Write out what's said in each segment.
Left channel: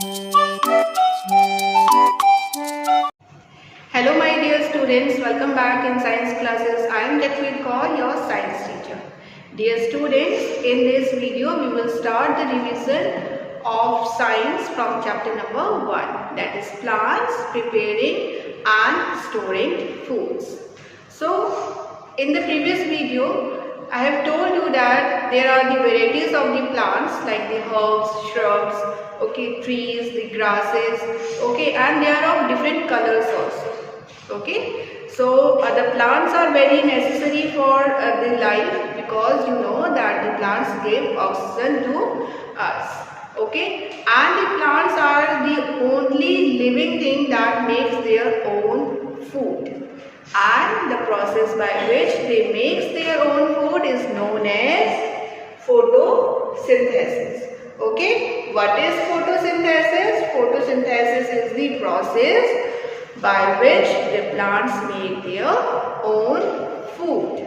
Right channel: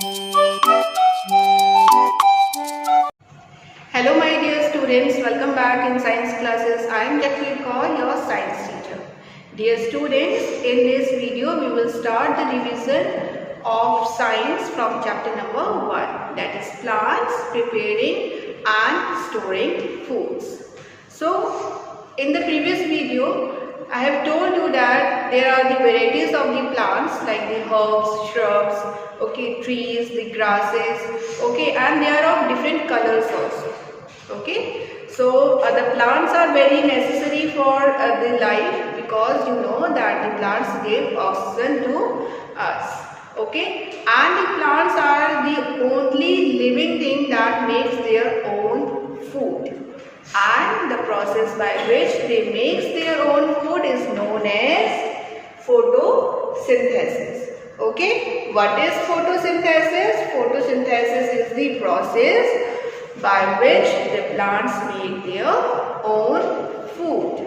Hello my dear students, welcome back in science classes. I am Jaspreet Kaur, your science teacher. Dear students, in this video we will start the revision of science from chapter number 1, that is plants preparing and storing foods. So in the previous video I have told you that there are the varieties of the plants like the herbs, shrubs, okay, trees, the grasses, okay, and they are of different colors also. Okay, so the plants are very necessary for the life, because you know that the plants give oxygen to us. Okay, and the plants are the only living thing that makes their own food, and the process by which they makes their own food is known as photosynthesis. Okay, what is photosynthesis? Photosynthesis is the process by which the plants make their own food.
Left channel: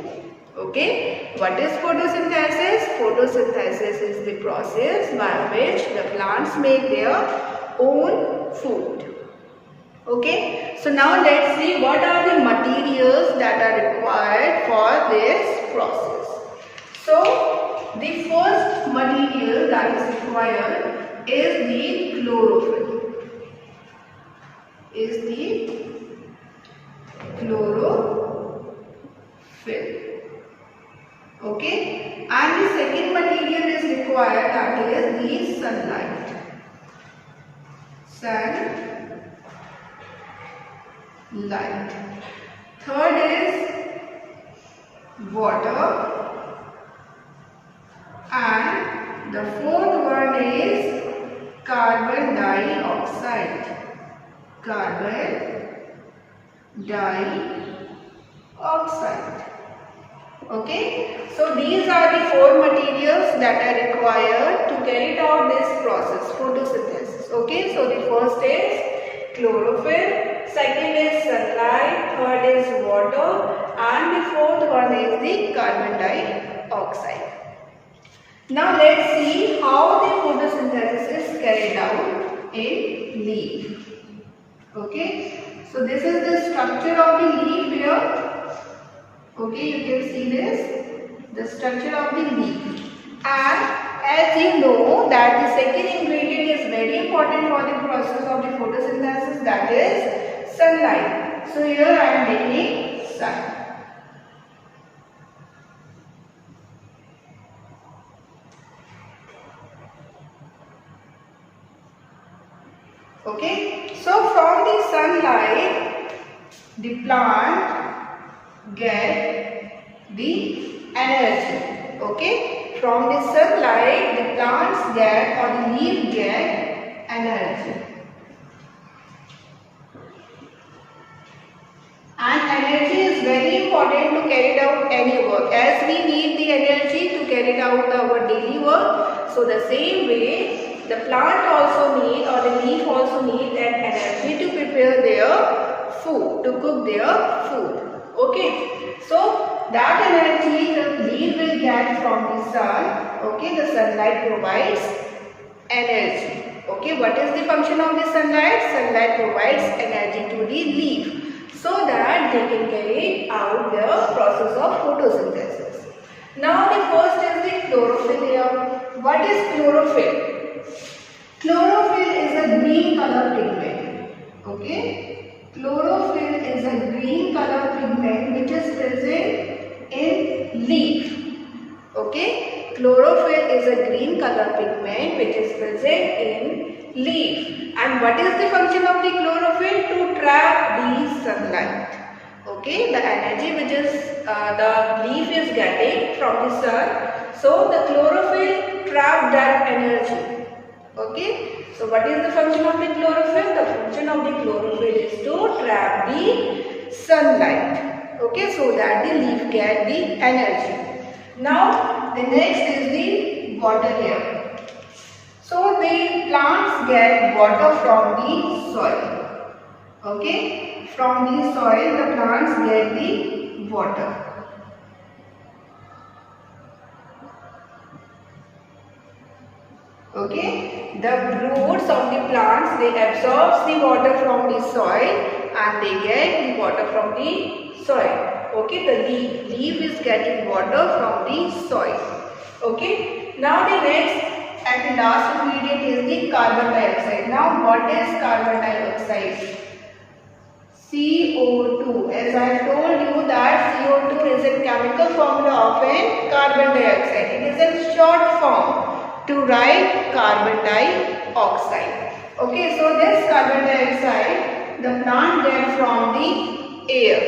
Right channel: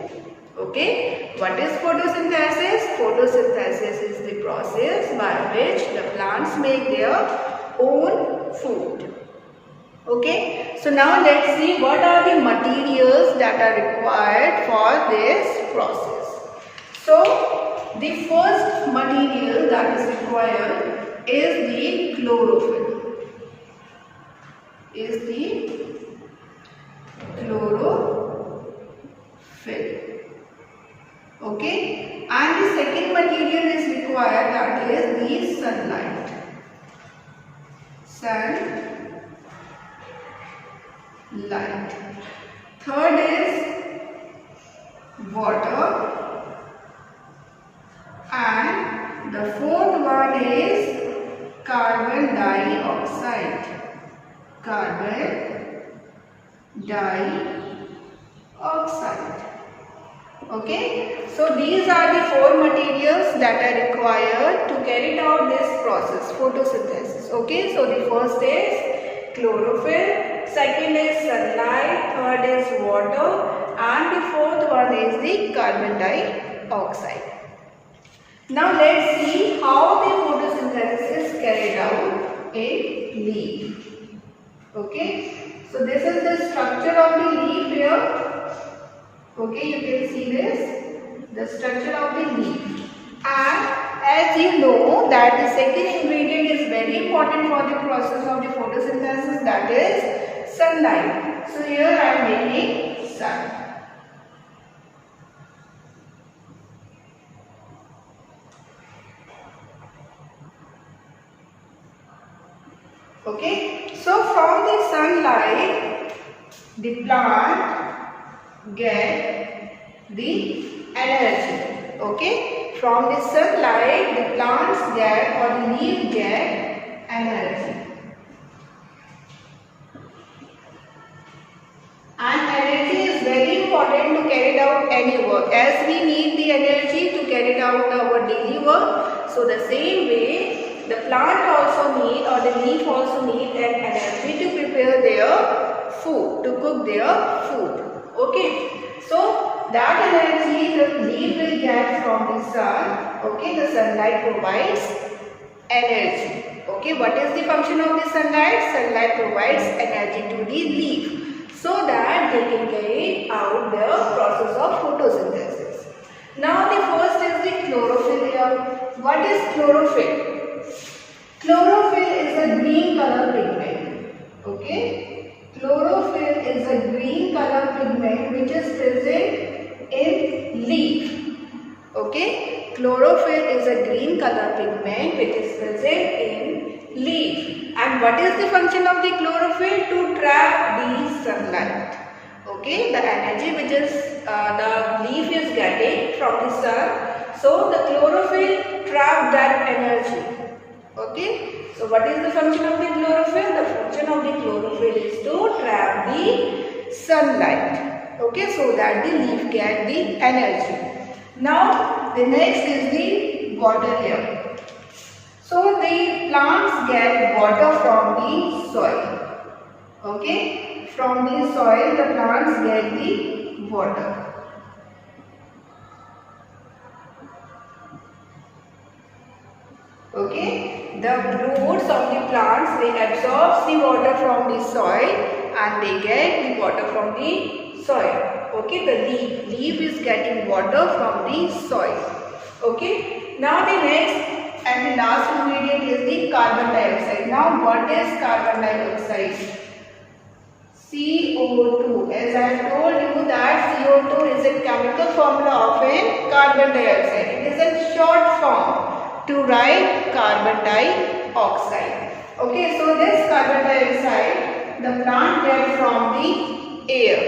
Okay, what is photosynthesis? Photosynthesis is the process by which the plants make their own food. Okay, so now let's see what are the materials that are required for this process. So the first material that is required is the chlorophyll. Okay, and the second material is required, that is the sunlight. Third is water, and the fourth one is carbon dioxide. Okay, so these are the four materials that are required to carry out this process, photosynthesis. Okay, so the first is chlorophyll, second is sunlight, third is water, and the fourth one is the carbon dioxide. Now let's see how the photosynthesis is carried out in leaf. Okay, so this is the structure of the leaf here. Okay, you can see this, the structure of the leaf. And as you know that the second ingredient is very important for the process of the photosynthesis, that is sunlight. So here I am making sun. Okay, so from the sunlight the plant get the energy. Okay, from the sunlight the plants get, or the leaf get, energy. And energy is very important to carry out any work, as we need the energy to carry out our daily work. So the same way the plant also need, or the leaf also need an energy to prepare their food, to cook their food. Okay, so that energy the leaf will get from the sun. Okay, the sunlight provides energy. Okay, what is the function of the sunlight? Sunlight provides energy to the leaf so that they can carry out the process of photosynthesis. Now the first is the chlorophyll here. What is chlorophyll? Chlorophyll is a green color pigment. Okay, chlorophyll is a green color pigment which is present in leaf. Okay, chlorophyll is a green color pigment which is present in leaf. And what is the function of the chlorophyll? To trap the sunlight. Okay, the energy which is the leaf is getting from the sun. So the chlorophyll trap that energy. Okay, so what is the function of the chlorophyll? The function of the chlorophyll is to trap the sunlight. Okay, so that the leaf get the energy. Now the next is the water here. So the plants get water from the soil. Okay, from the soil the plants get the water. Okay, the roots of the plants, they absorb the water from the soil and they get the water from the soil. Okay, the leaf is getting water from the soil. Okay, now the next and the last ingredient is the carbon dioxide. Now what is carbon dioxide? CO2. As I have told you that CO2 is a chemical formula of a carbon dioxide. It is a short form to write carbon dioxide. Okay, so this carbon dioxide the plant gets from the air.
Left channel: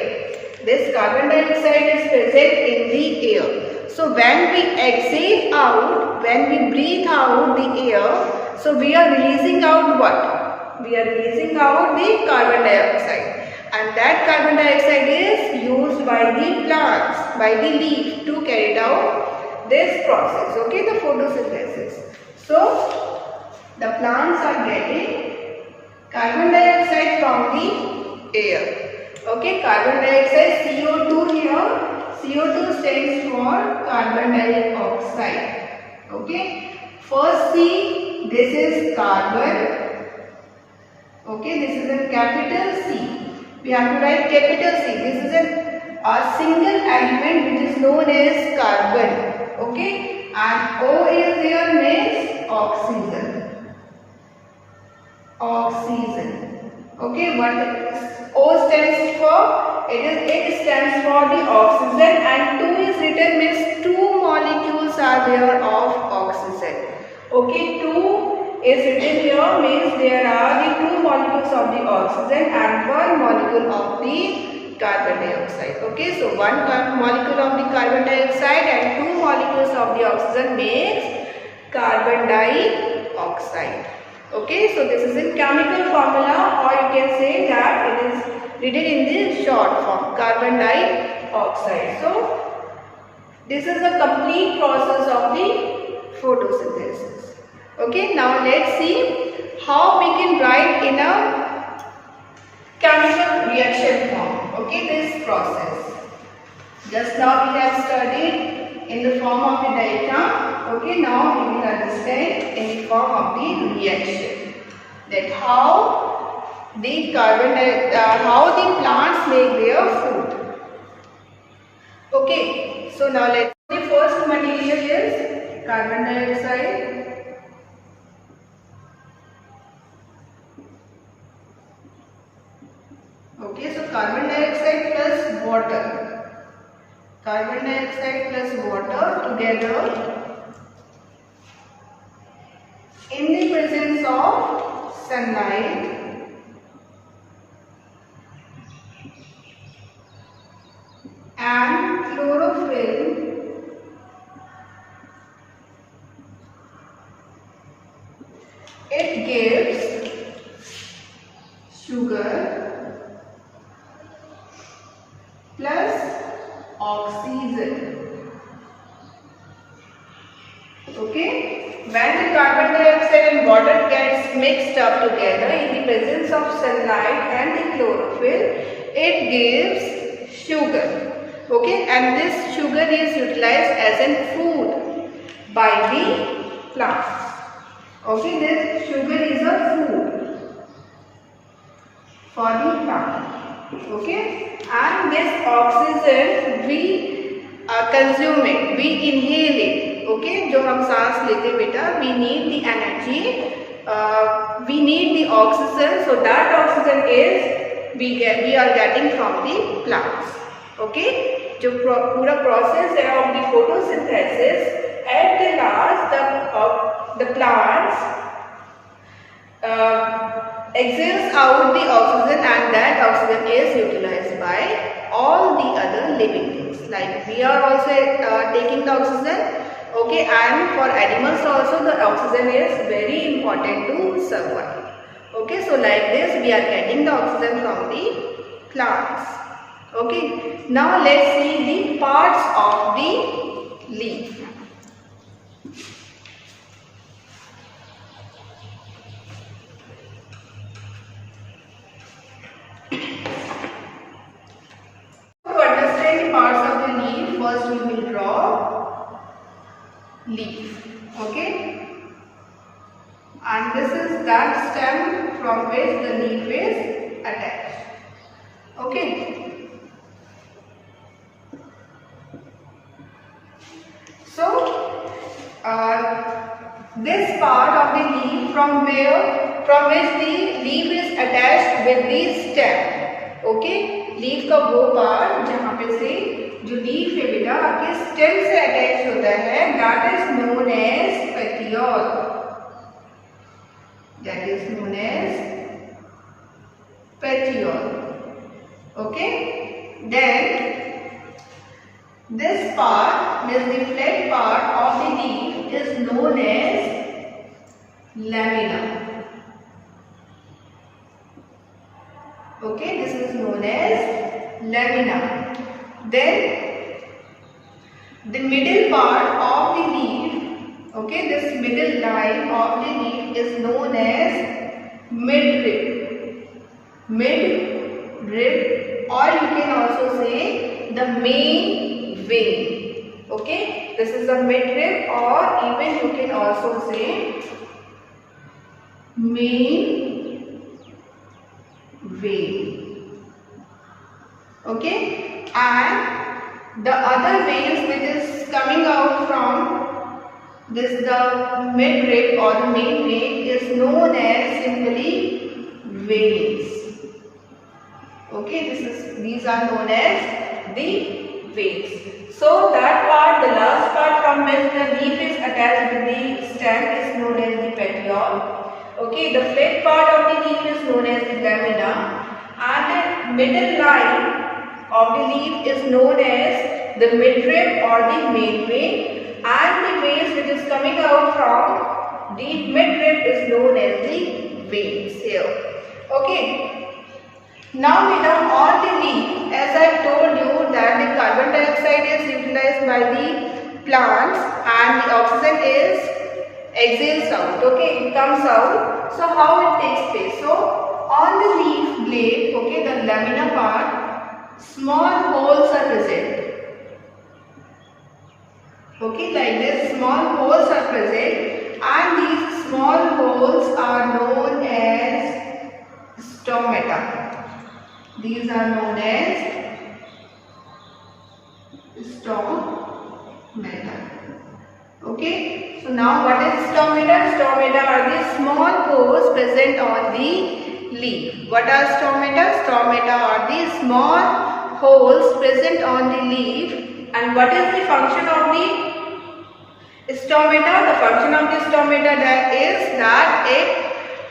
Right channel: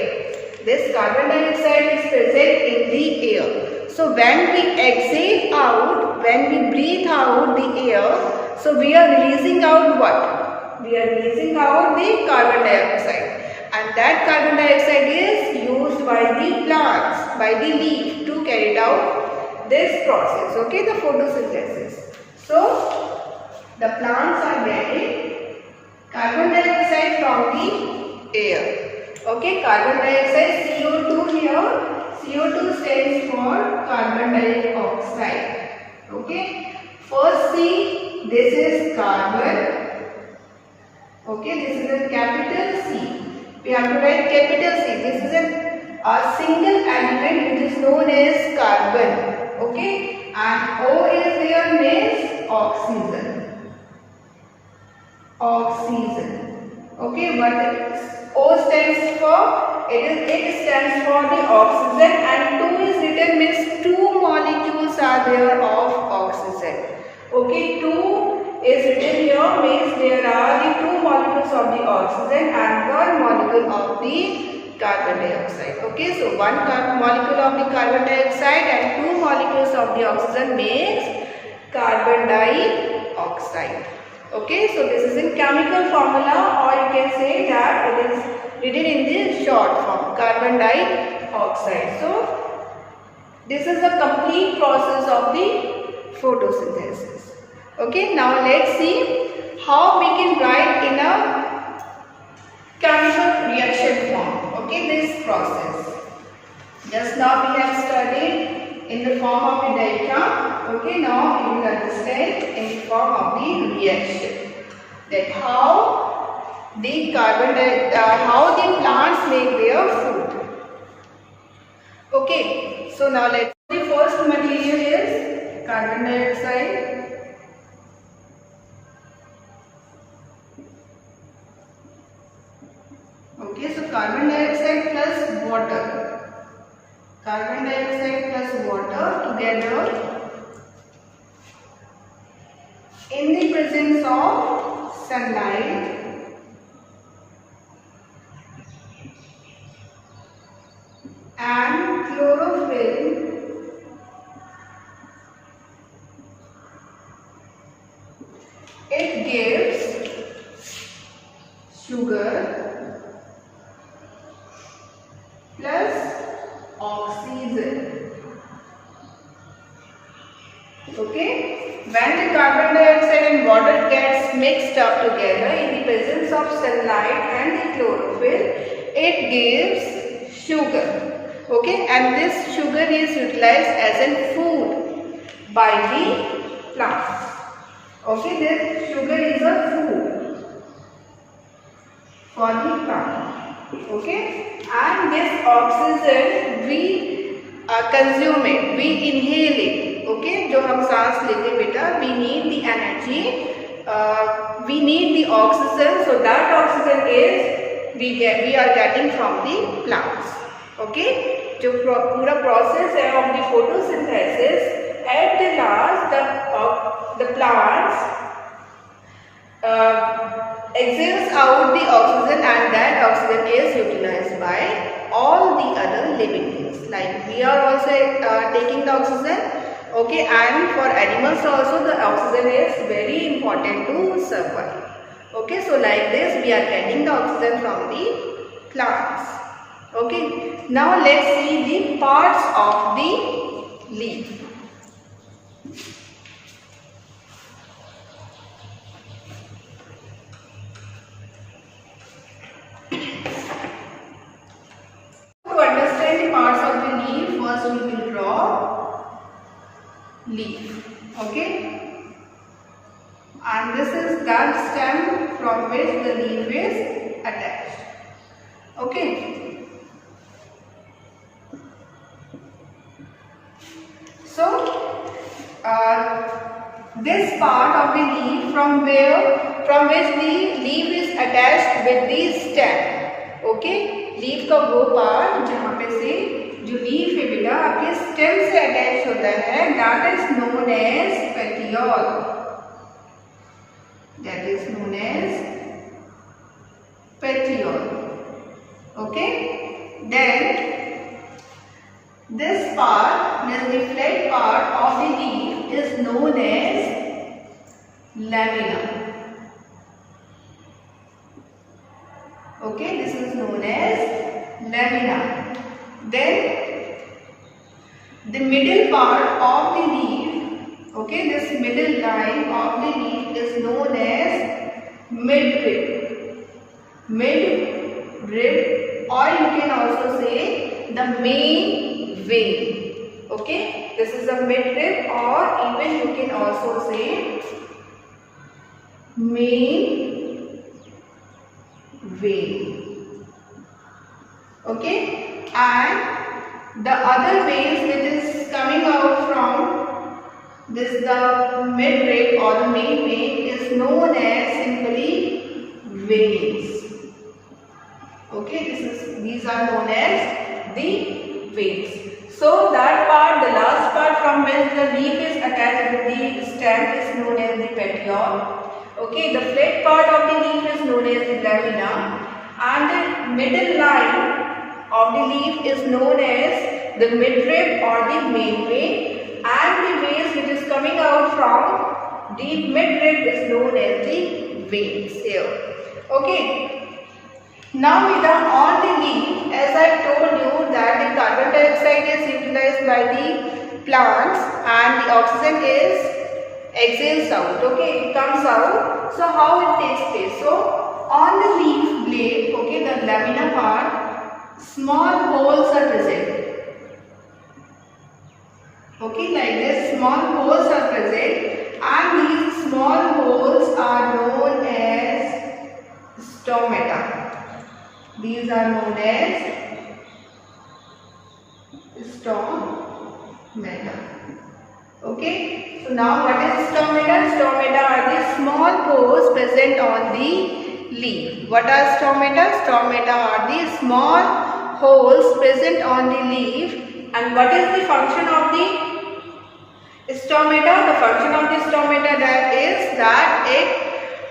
This carbon dioxide is present in the air. So when we exhale out, when we breathe out the air, so we are releasing out what? We are releasing out the carbon dioxide. And that carbon dioxide is used by the plants, by the leaf to carry out this process, okay, the photosynthesis. So, the plants are getting carbon dioxide from the air. Okay, carbon dioxide, CO2 here. CO2 stands for carbon dioxide. Okay, first C, this is carbon. Okay, this is a capital C. We have to write capital C. This is a single element which is known as carbon. Okay, and O is there means oxygen. Oxygen. Okay, what O stands for? It stands for the oxygen, and 2 is written means 2 molecules are there of oxygen. Okay, 2 is written here means there are the 2 molecules of the oxygen and 1 molecule of the carbon dioxide. Okay, so 1 molecule of the carbon dioxide and 2 molecules of the oxygen makes carbon dioxide. Okay, so this is in chemical formula, or you can say that it is written in the short form, carbon dioxide. So this is the complete process of the photosynthesis. Okay, now let's see how we can write in a chemical reaction form. Okay, this process. Just now we have studied in the form of the diagram. Okay, now we will understand in the form of the reaction. That how the how the plants make their food. Okay, so now let's see. The first material is carbon dioxide. Okay, so carbon dioxide plus water. Carbon dioxide plus water together in the presence of sunlight and chlorophyll it gives sugar plus oxygen. Okay, when the carbon dioxide and water gets mixed up together in the presence of sunlight and the chlorophyll, it gives sugar. Okay, and this sugar is utilized as a food by the plants. Okay, this sugar is a food for the plant. Okay, and this oxygen we consume it, we inhale it. Okay, जो हम सांस लेते बेटा, we need the energy, we need the oxygen, so that oxygen is we are getting from the plants. Okay, जो पूरा process है of the photosynthesis, at the last the plants exhales out the oxygen, and that oxygen is utilized by all the other living things. Like we are also taking the oxygen. Okay, and for animals also the oxygen is very important to survive. Okay, so like this we are getting the oxygen from the plants. Okay, now let's see the parts of the leaf. To understand the parts of the leaf, first we will draw leaf. Okay, and and this is that stem from which the leaf is attached. Okay. So this part of the leaf from which the leaf is attached with the stem. Okay, leaf का वो part जहाँ पे से जो leaf है बेटा आपके stem से अटैच होता है, that is known as petiole. That is known as petiole. Okay, then this part, the flat part of the leaf is known as lamina. Okay, this is known as lamina. Then the middle part of the leaf, okay, this middle line of the leaf is known as midrib. Midrib, or you can also say the main vein. Okay, this is the midrib, or even you can also say main vein. Okay, and the other veins which is coming out from this, the midrib or the main vein, is known as simply veins. Okay, these are known as the veins. So that part, the last part from which the leaf is attached with the stem, is known as the petiole. Okay, the flat part of the leaf is known as the lamina, and the middle line of the leaf is known as the midrib or the main vein, and the veins which is coming out from the midrib is known as the veins here. Okay, now beta, on the leaf, as I told you that the carbon dioxide is utilized by the plants and the oxygen is exhales out. Okay, it comes out. So how it takes place? So on the leaf blade, okay, the lamina part, small holes are present. Okay, like this, small holes are present, and these small holes are known as stomata. These are known as stomata. Okay, so now what is stomata? Stomata are the small pores present on the leaf. What are stomata? Stomata are the small holes present on the leaf. And what is the function of the stomata? The function of the stomata is that it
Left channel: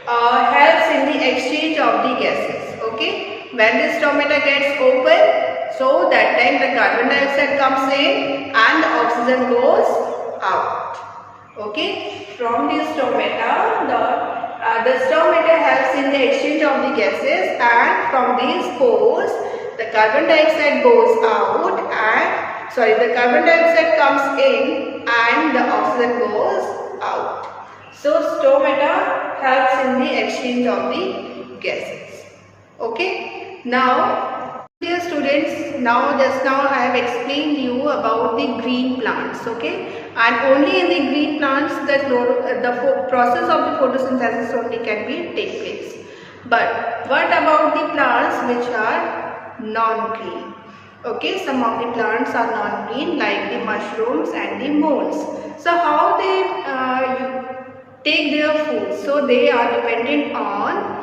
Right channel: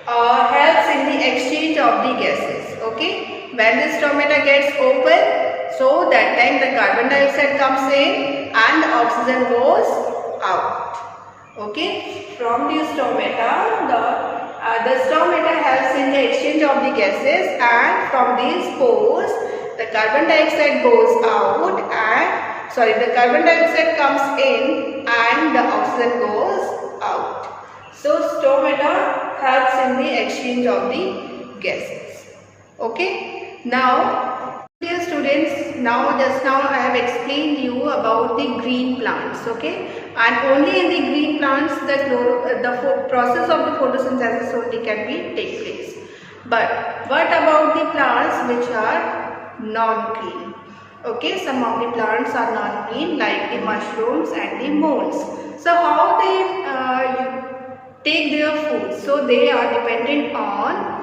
helps in the exchange of the gases. Okay, when the stomata gets open, so that time the carbon dioxide comes in and the oxygen goes out. Okay, from the stomata, the stomata helps in the exchange of the gases, and from these pores the carbon dioxide goes out, and the carbon dioxide comes in and the oxygen goes out. So stomata helps in the exchange of the gases. Okay, now dear students, just now I have explained you about the green plants. Okay, and only in the green plants the process of the photosynthesis only can be take place. But what about the plants which are non-green? Okay, some of the plants are non-green, like the mushrooms and the molds. So how they take their food? So they are dependent on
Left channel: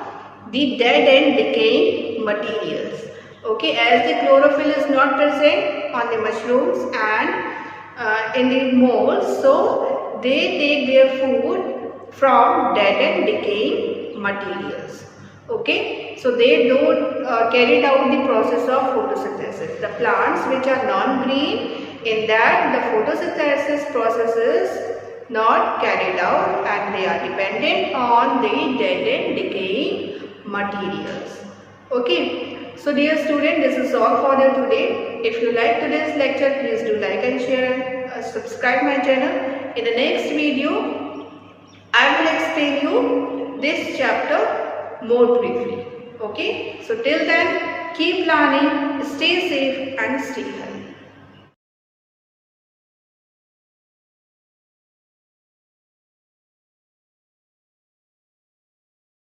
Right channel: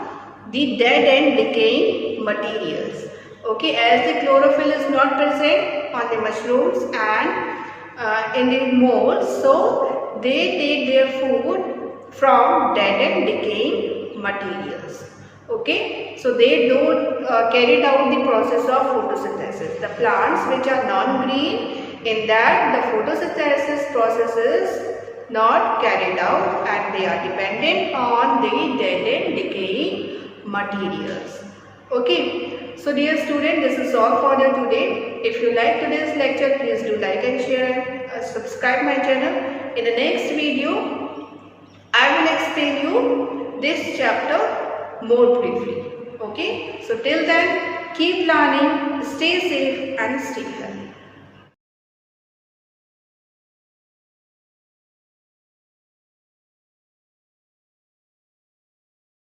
the dead and decaying materials. Okay, as the chlorophyll is not present on the mushrooms and in the molds, so they take their food from dead and decaying materials. Okay, so they don't carry out the process of photosynthesis. The plants which are non-green, in that the photosynthesis process is not carried out, and they are dependent on the dead and decaying materials. Okay, so dear student, this is all for the today. If you like today's lecture, please do like and share and subscribe my channel. In the next video, I will explain you this chapter more briefly. Okay, so till then, keep learning, stay safe and stay healthy.